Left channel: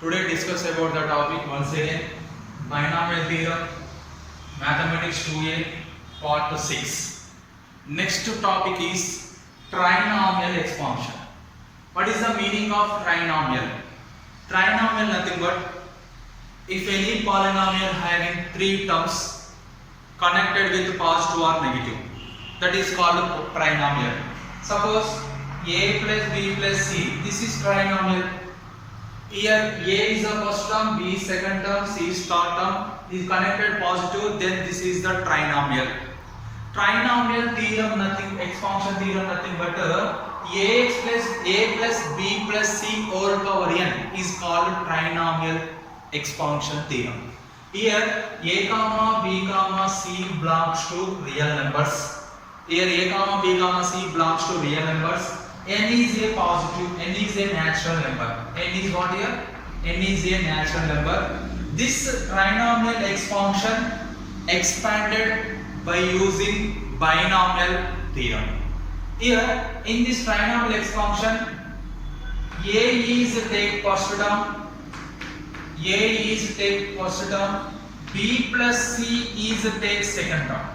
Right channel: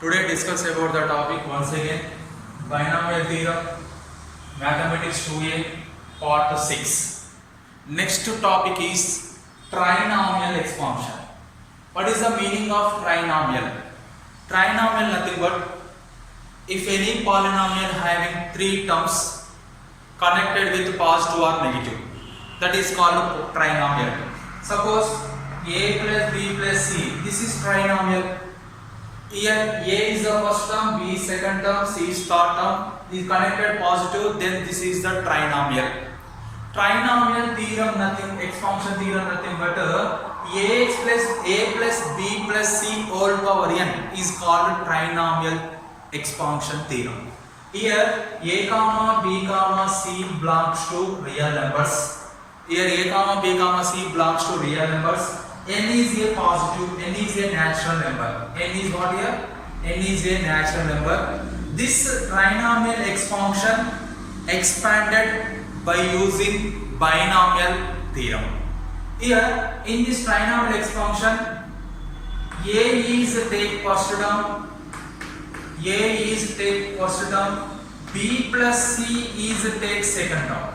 Today discuss about the topic once again binomial theorem, mathematics 2a part 6. Next topic is trinomial expansion. What is the meaning of trinomial? Trinomial nothing but if any polynomial having three terms connected with positive or negative, that is called trinomial. Suppose a plus b plus c, this is trinomial. Here a is the first term, b is second term, c is third term, is connected positive, then this is the trinomial. Trinomial theorem nothing, expansion theorem nothing but ax plus a plus b plus c all power n is called trinomial expansion theorem. Here a comma b comma c belongs to real numbers. Here a comma b comma c belongs to real numbers. N is a positive, n is a natural number. N is what here? N is a natural number. This trinomial expansion expanded by using binomial theorem. Here in this trinomial expansion, a is take first term, a is take first term, b plus c is take second term.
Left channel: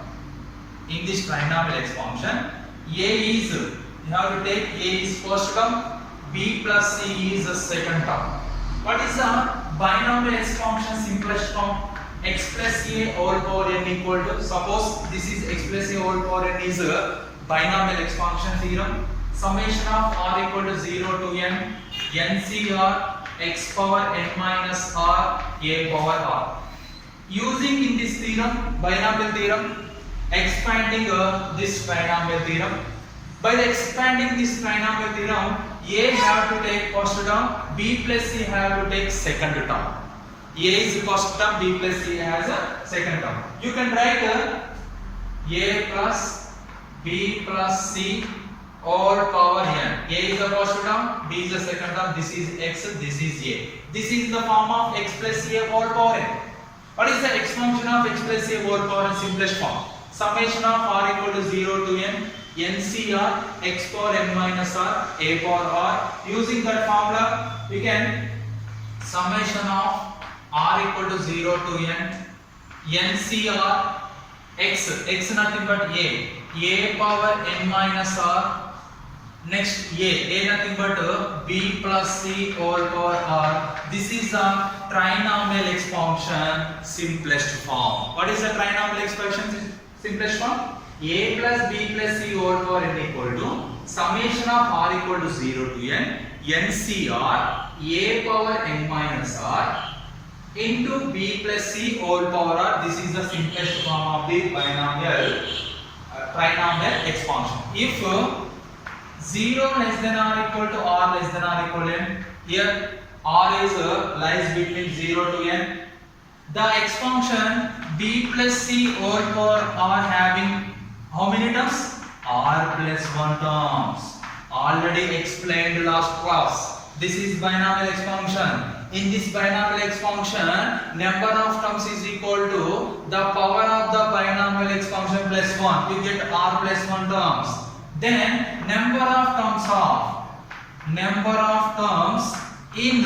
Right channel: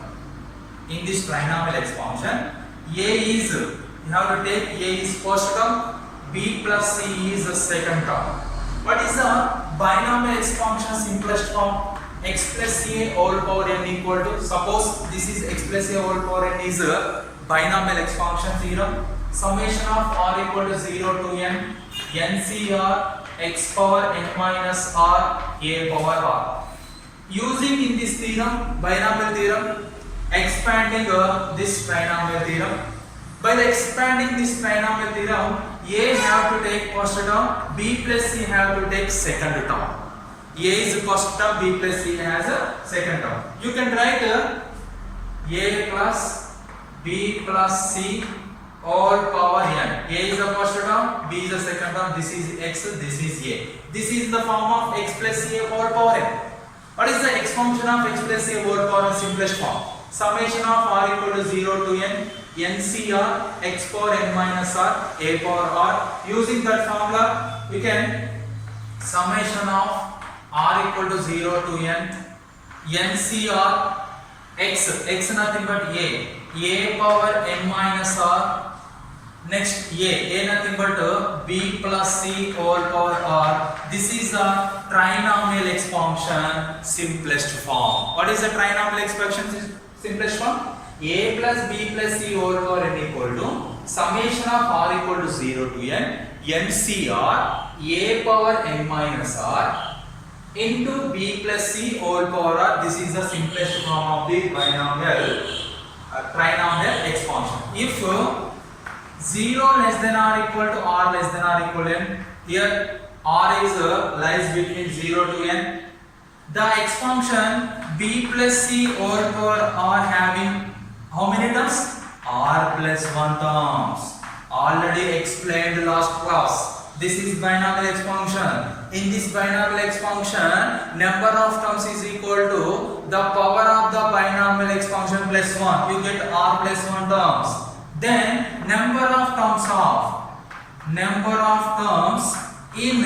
In this trinomial expansion, a is, you have to take a is first term, b plus c is the second term. What is the binomial expansion simplest form? X plus a whole power n equal to, suppose this is x plus a whole power n is a binomial expansion theorem. Summation of r equal to 0 to n, ncr x power n minus r a power r. Using in this theorem, binomial theorem, expanding this trinomial theorem. By expanding this trinomial theorem, a have to take first term, b plus c have to take second term. A is first term, b plus c has a second term. You can write a plus b plus c all power n. A is the first term, b is the second term, this is x, this is a. This is the form of x plus a all power n. What is the expansion of x plus a all power n simplest form? Summation of r equal to 0 to n, ncr x power n minus r a power r. Using that formula, we can summation of r equal to 0 to n, ncr x nothing but a power n minus r. Next a nothing but b plus c all power r. This is a trinomial expansion simplest form. What is the trinomial expansion simplest form? A plus b plus c all power n equal to summation of r equal to 0 to n, ncr a power n minus r into b plus c all power r. This is the simplest form of the binomial trinomial expansion. If 0 less than or equal to r less than or equal to n, here r is lies between 0 to n, the expansion b plus c all power r having how many terms? R plus 1 terms. Already explained last class. This is binomial expansion. In this binomial expansion, number of terms is equal to the power of the binomial expansion plus 1. We get r plus 1 terms. Then number of terms in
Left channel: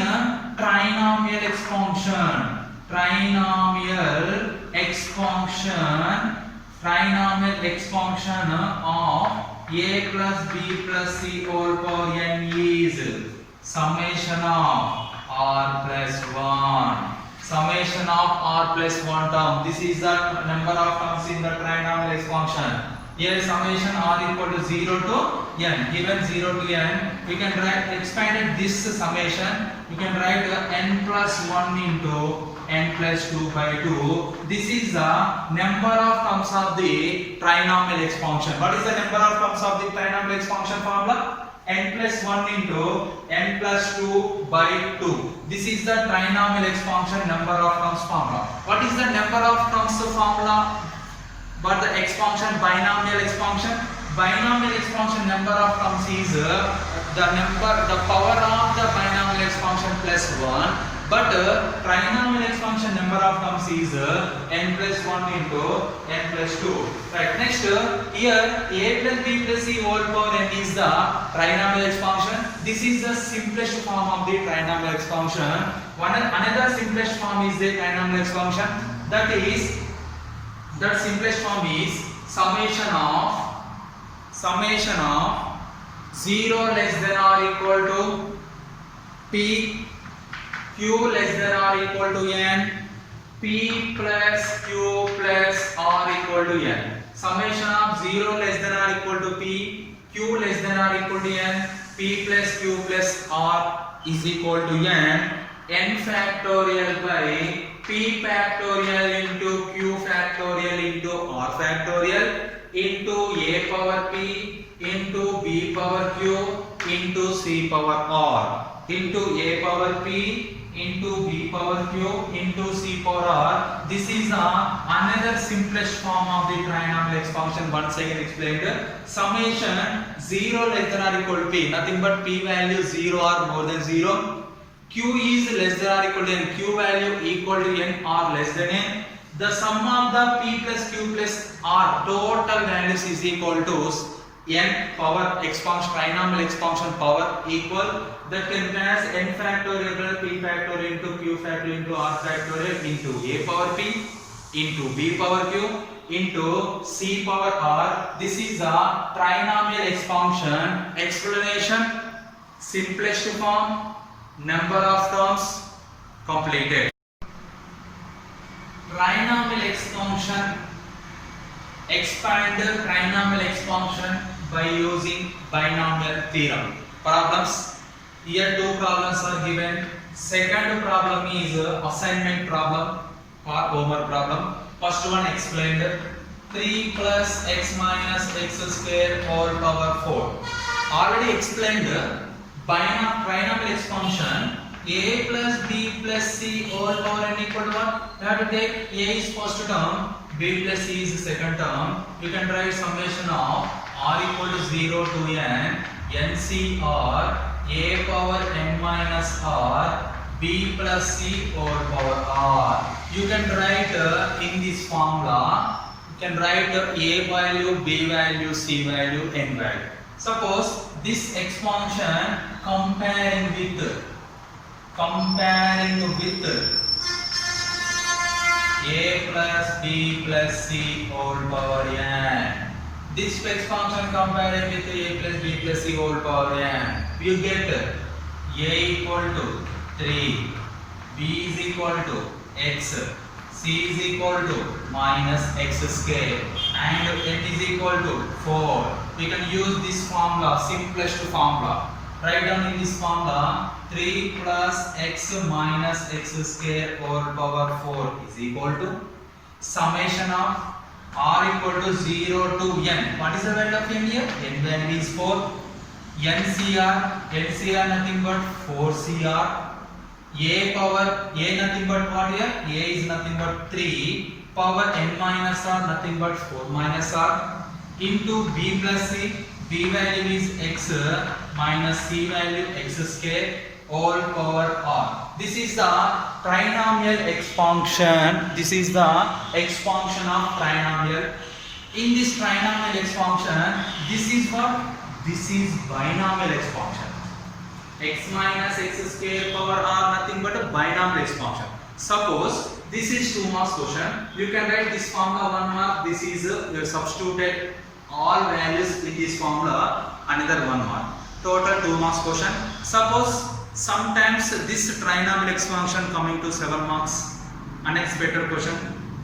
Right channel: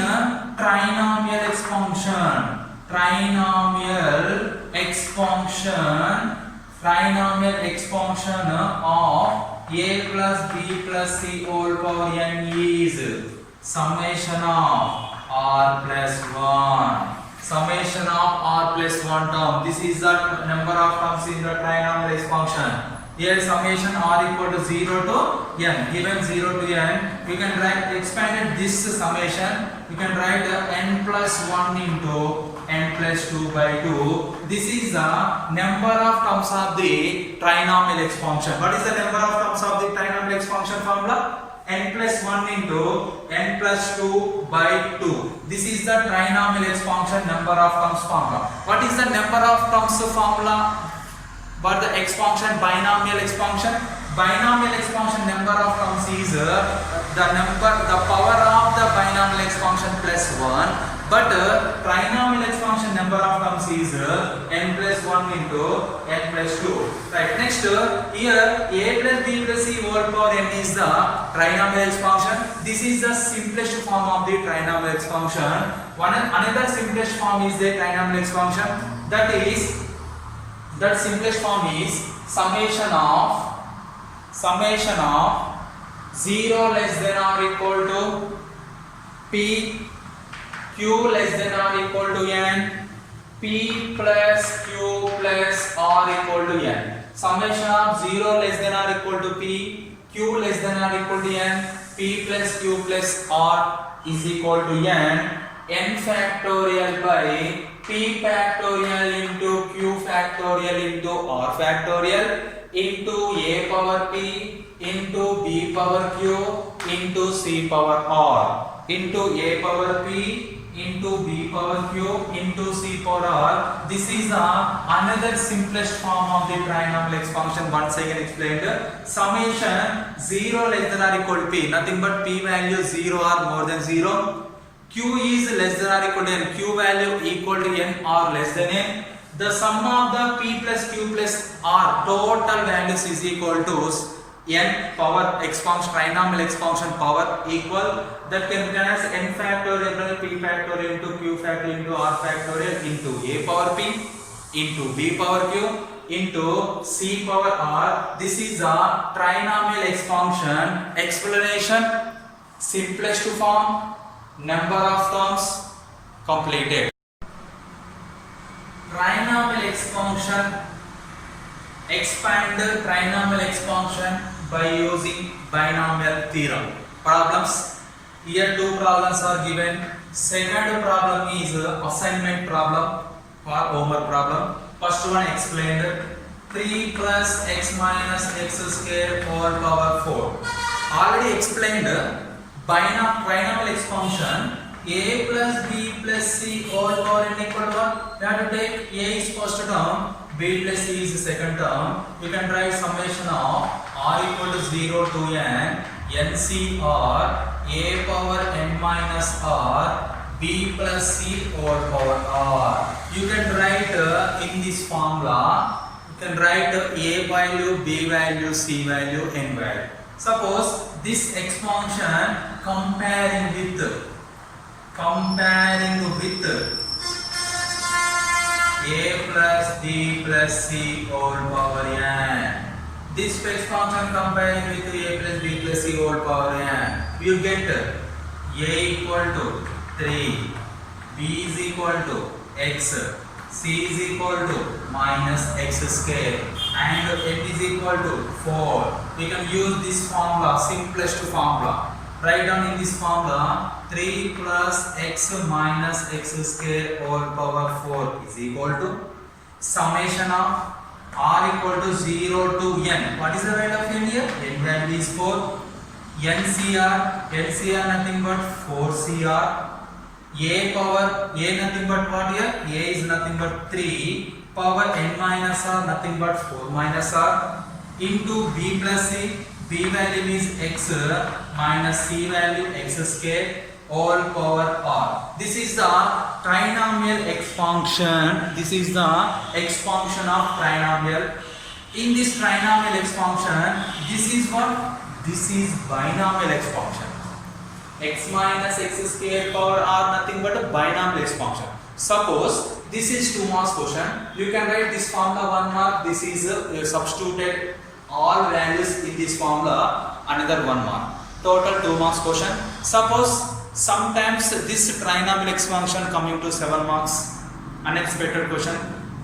trinomial expansion. Trinomial expansion of a plus b plus c all power n is summation of r plus 1. Summation of r plus 1 term. This is the number of terms in the trinomial expansion. Here summation r equal to 0 to n. Given 0 to n, we can write expanded this summation. We can write n plus 1 into n plus 2 by 2. This is the number of terms of the trinomial expansion. What is the number of terms of the trinomial expansion formula? N plus 1 into n plus 2 by 2. This is the trinomial expansion number of terms formula. What is the number of terms formula? But the expansion, binomial expansion number of terms is the power of the binomial expansion plus 1, but trinomial expansion number of terms is n plus 1 into n plus 2. Right. Next, here a plus b plus c whole power n is the trinomial expansion. This is the simplest form of the trinomial expansion. Another simplest form is the trinomial expansion. That simplest form is summation of 0 less than or equal to p, q less than or equal to n, p plus q plus r equal to n. Summation of 0 less than or equal to p, q less than or equal to n, p plus q plus r is equal to n factorial by p factorial into q factorial into r factorial into a power p into b power q into c power r into a power p into b power q into c power r. This is another simplest form of the trinomial expansion. Once again explained. Summation 0 less than or equal to p, nothing but p value 0 or more than 0. Q is less than or equal to n, q value equal to n or less than n. The sum of the p plus q plus r total values is equal to n power expansion, trinomial expansion power equal, that can be as n factorial plus p factorial into q factorial into r factorial into a power p into b power q into c power r. This is a trinomial expansion explanation, simplest form, number of terms completed. Trinomial expansion, expand trinomial expansion by using binomial theorem. Problems. Here two problems are given. Second problem is assignment problem or homework problem. First one explained 3 plus x minus x square whole power 4. Already explained trinomial expansion a plus b plus c whole power n equal to what? We have to take a is first term, b plus c is the second term. You can write summation of r equal to 0 to n, ncr a power n minus r b plus c whole power r. You can write in this formula, you can write a value, b value, c value, n value. Suppose this expansion comparing with a plus b plus c whole power n. This expansion comparing with a plus b plus c whole power n, you get a equal to 3, b is equal to x, c is equal to minus x square, and n is equal to 4. We can use this formula, simplest formula. Write down in this formula 3 plus x minus x square whole power 4 is equal to summation of r equal to 0 to n. What is the value of n here? N value is 4. NCR nothing but 4CR. A power, a nothing but what here? A is nothing but 3. Power n minus r nothing but 4 minus r into b plus c. B value is x minus c value x square all power r. This is the trinomial expansion. This is the expansion of trinomial. In this trinomial expansion, this is what? This is binomial expansion. X minus x square power r nothing but a binomial expansion. Suppose this is 2 marks question. You can write this formula 1 mark. This is substituted all values in this formula, another 1 mark. Total 2 marks question. Suppose sometimes this trinomial expansion coming to 7 marks, unexpected question.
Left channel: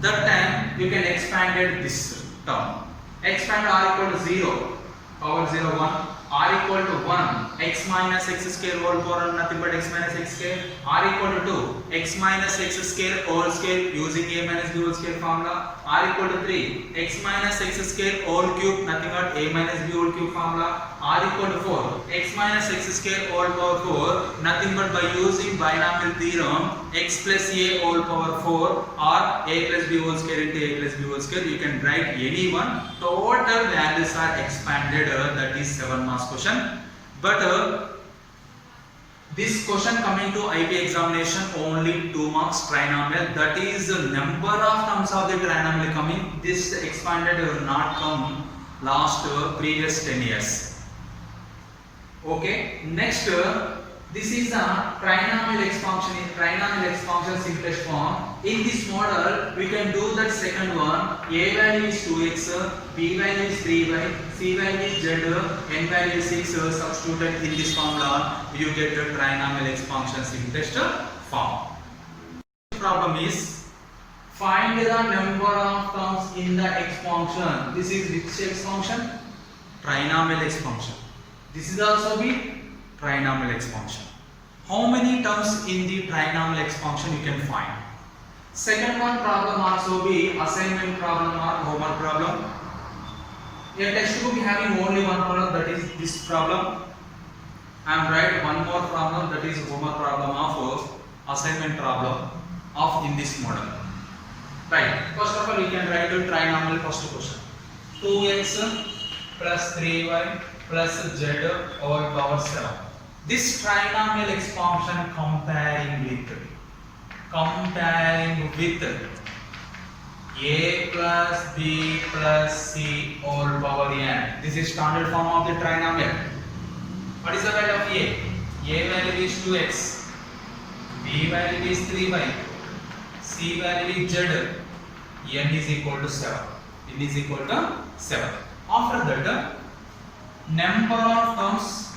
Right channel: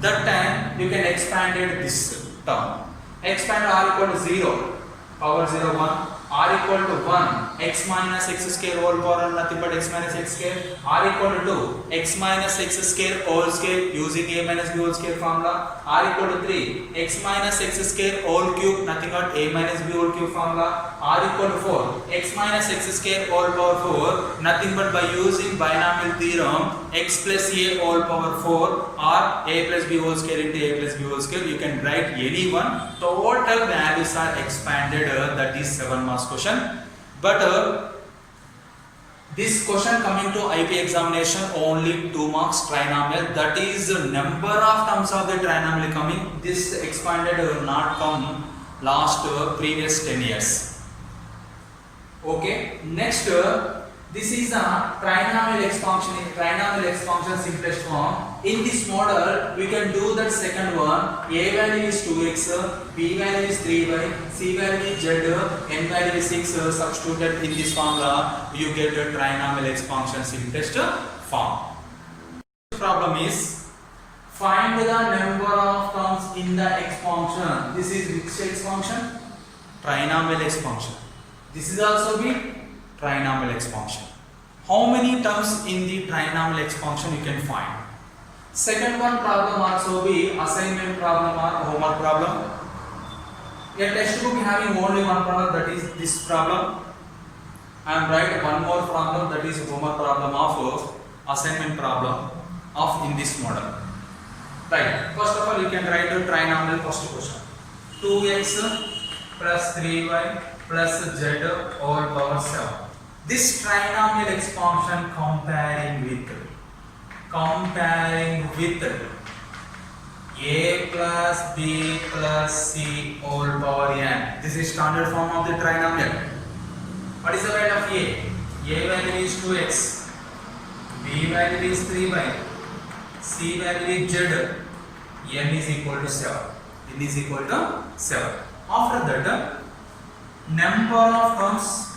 That time you can expand this term. Expand r equal to 0, power 0 1. R equal to 1, x minus x square whole power nothing but x minus x square. R equal to 2, x minus x square whole square using a minus b whole square formula. R equal to 3, x minus x square whole cube nothing but a minus b whole cube formula. R equal to 4, x minus x square whole power 4 nothing but by using binomial theorem x plus a whole power 4 or a plus b whole square into a plus b whole square. You can write any one. Total values are expanded, that is 7 marks question. But this question coming to IP examination only 2 marks trinomial, that is the number of terms of the trinomial coming. This expanded will not come last previous 10 years. Okay, next this is the trinomial expansion simplest form. In this model we can do that second one. A value is 2x, B value is 3y, C value is z, N value is 6. Substituted in this formula you get a trinomial expansion simplest form. Problem is find the number of terms in the expansion. This is which expansion? Trinomial expansion. This is also the trinomial expansion. How many terms in the trinomial expansion you can find? Second one problem also be assignment problem or homework problem. A textbook having only one problem, that is this problem. I am write one more problem, that is homework problem of assignment problem of in this model. Right. First of all, you can write a trinomial first question. 2x plus 3y plus z over power 7. This trinomial expansion comparing with a plus b plus c all power n. This is standard form of the trinomial. What is the value of a? A value is 2x, b value is 3y, c value is z, n is equal to 7. N is equal to 7. After that, number of terms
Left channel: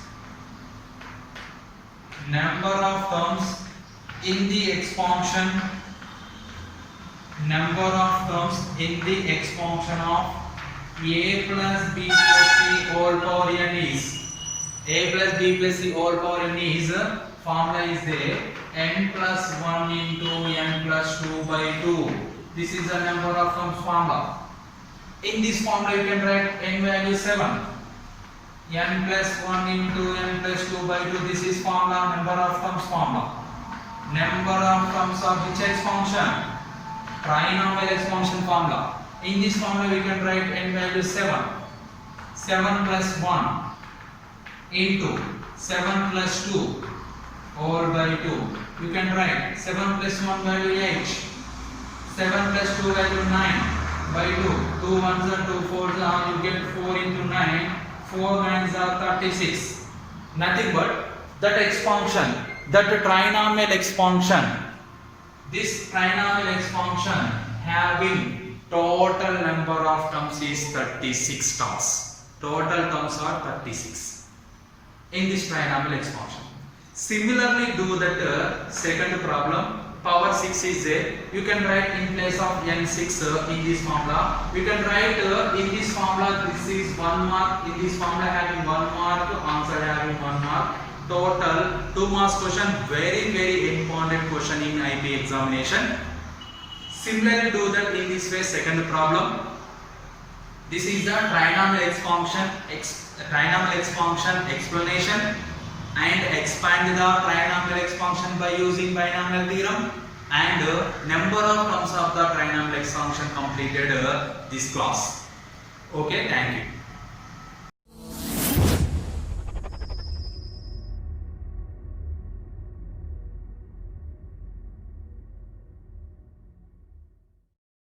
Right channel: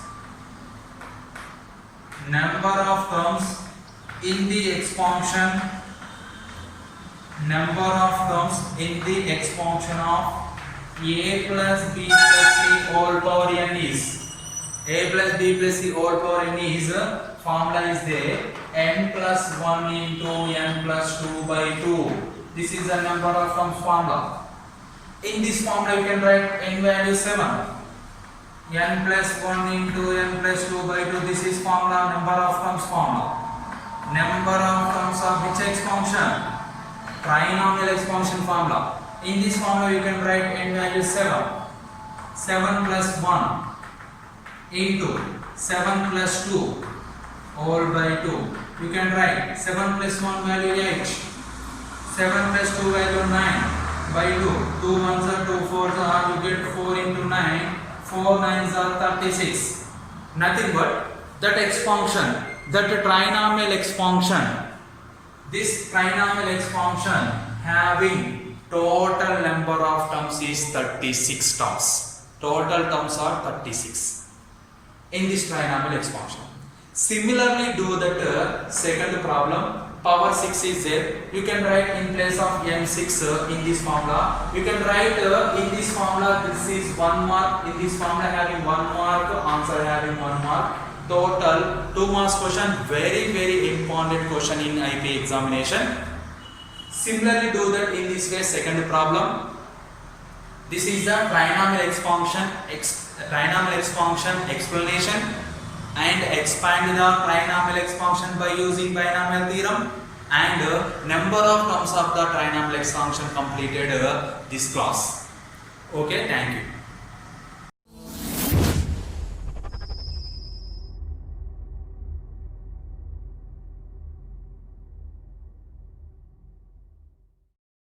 in the expansion, of a plus b plus c all power n is a plus b plus c all power n is formula is there, n plus 1 into n plus 2 by 2. This is the number of terms formula. In this formula you can write n value 7, n plus 1 into n plus 2 by 2. This is formula, number of terms formula. Number of terms of which expansion? Trinomial expansion formula. In this formula you can write n value 7, 7 plus 1 into 7 plus 2 all by 2. You can write 7 plus 1 value 8, 7 plus 2 value 9 by 2. 2 ones are 2 4s are, you get 4 into 9, 4 9s are 36. Nothing but that expansion, that trinomial expansion. This trinomial expansion having total number of terms is 36 terms. Total terms are 36 in this trinomial expansion. Similarly, do that second problem. Power 6 is there. You can write in place of n6 in this formula. You can write in this formula, this is 1 mark. In this formula having 1 mark, answer having 1 mark. Total 2 marks question. Very important question in IP examination. Similarly, do that in this way. Second problem. This is the trinomial expansion explanation, and expand the trinomial expansion by using binomial theorem, and number of terms of the trinomial expansion completed this class. Okay, thank you.